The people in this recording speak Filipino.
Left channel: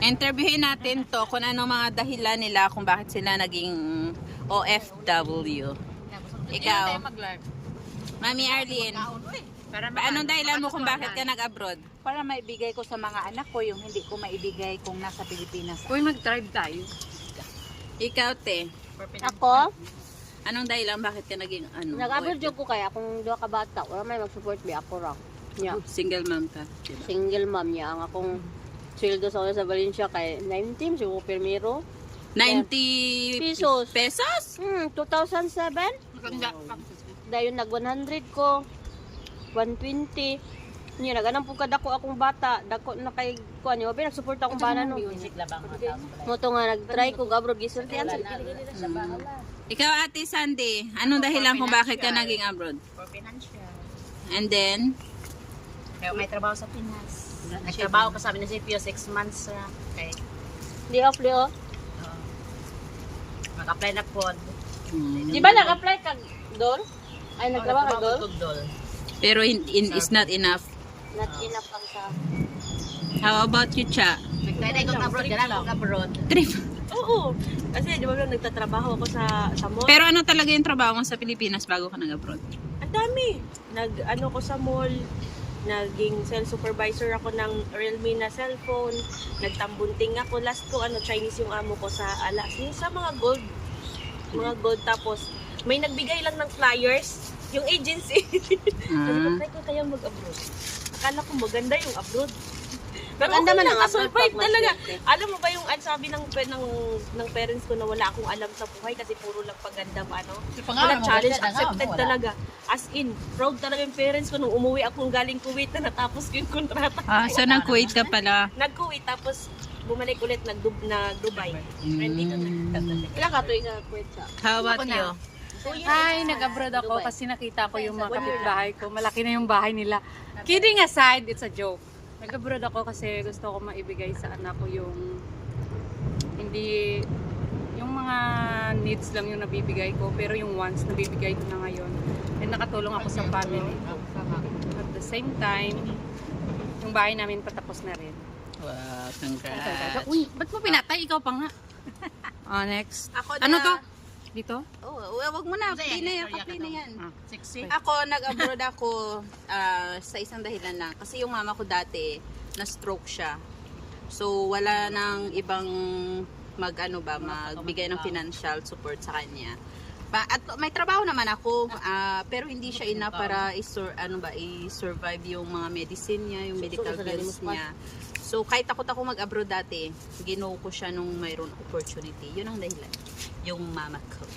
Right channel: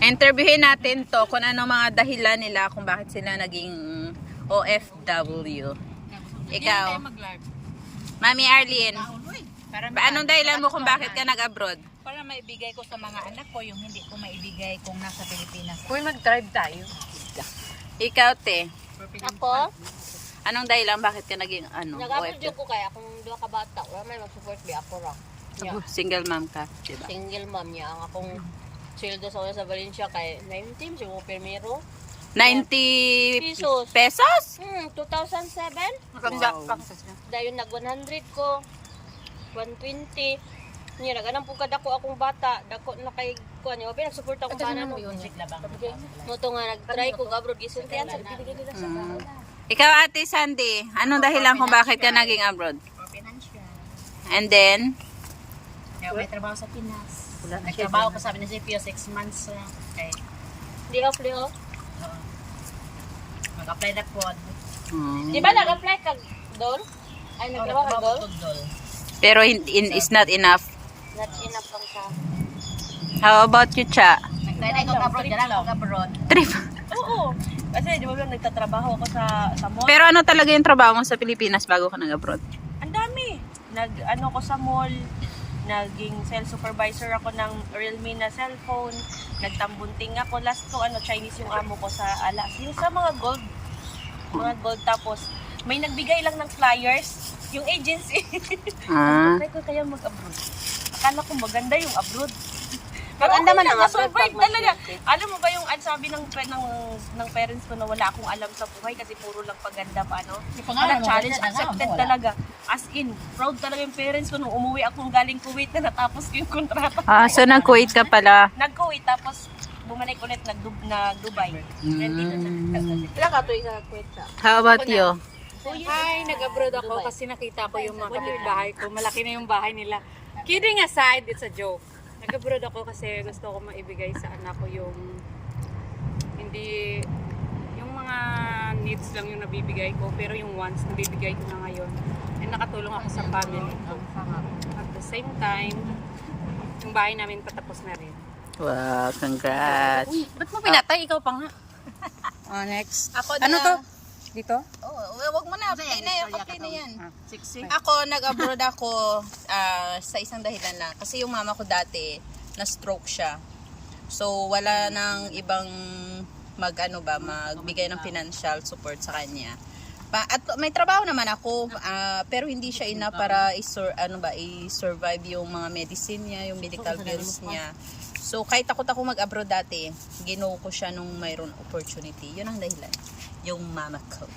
Interviewin natin to kung ano mga dahilan nila kung bakit sila naging OFW. Ikaw, Mami Arlene, anong dahilan mo kung bakit ka nag-abroad? Para maibigay ko sa mga anak ko yung hindi ko maibigay kung nasa Pilipinas. Uy, mag-drive tayo. Ikaw, te, Ako, anong dahilan bakit ka naging nag-abroad OFW? ko kaya kung duha ka bata, wala may mag-support bi ako ra. Nya, Single mom ka, diba? single mom niya ang akong sweldo sa Valencia kay 19 siguro primero. 90 Pesos. pesos? 2007. Wow. Dayon nag 100 ko. 120. Niya naganang pug kadako akong bata, dako na kay kuan yo, nag-support akong bana no. Moto nga nag-try ko abroad gisultian sa Ikaw, Ate Sandy, anong dahilan kung bakit ka naging abroad? For financial. And then, Kaya may trabaho sa Pinas. Nagtrabaho ko sa munisipyo 6 months. Okay. Di off Leo. Mag-apply na po. Di ba nag-apply ka doon? Ay nagtrabaho ka doon? pero is not enough. Not enough ang sa. How about you, Cha? Nagtry na ikong abroad. Gala akong abroad. Trip. Oo. Kasi di ba nagtatrabaho ako sa mall. Pero ano talaga yung trabaho mo sa Pilipinas bago ka nag-abroad? Ang dami. Nag-ano ko sa mall, naging sales supervisor ako ng Realme na cellphone, nagtambunting ako. Last ko, Chinese yung amo ko sa alas. Yung sa mga gold. Tapos, may nagbigay lang ng flyers, yung agency. Sabi ko kaya mag-abroad. Akala ko maganda yung abroad. Maganda man ang abroad pag talaga. Alam mo ba yung sabi ng parents ko na wala akong alam sa buhay kasi puro lang paganda pa, ano? Challenge accepted talaga. As in, proud talaga yung parents ko nung umuwi akong galing Kuwait na natapos ko yung kontrata. So nag-Kuwait ka pala. Nag-Kuwait tapos bumalik ulit nag-Dubai. Ilang ka tuwing sa Kuwait sa? How about you? Hi, nag-abroad ako kasi nakita ko yung mga kapitbahay ko. Malaki na yung bahay nila. Kidding aside, it's a joke. Nag-abroad ako kasi gusto ko maibigay sa anak ko yung hindi yung mga needs lang yung nabibigay ko, pero yung wants nabibigay ko na ngayon. And nakatulong ako sa family ko. At the same time, yung bahay namin patapos na rin. Wow, congrats. Uy, ba't mo pinatay? Ikaw pa nga. Next. Ako Ano to? Dito? Oh, wag mo na. Play na yan. Sexy. Ako, nag-abroad ako sa isang dahilan lang. Kasi yung mama ko dati, na-stroke siya. So, wala nang ibang magbigay ng financial support sa kanya. At may trabaho naman ako, pero hindi siya enough para i-survive yung mga medicine niya, yung medical bills niya. So, kahit takot ako mag-abroad dati, ginawa ko siya nung mayroon opportunity. Yun ang dahilan. Yung mama ko.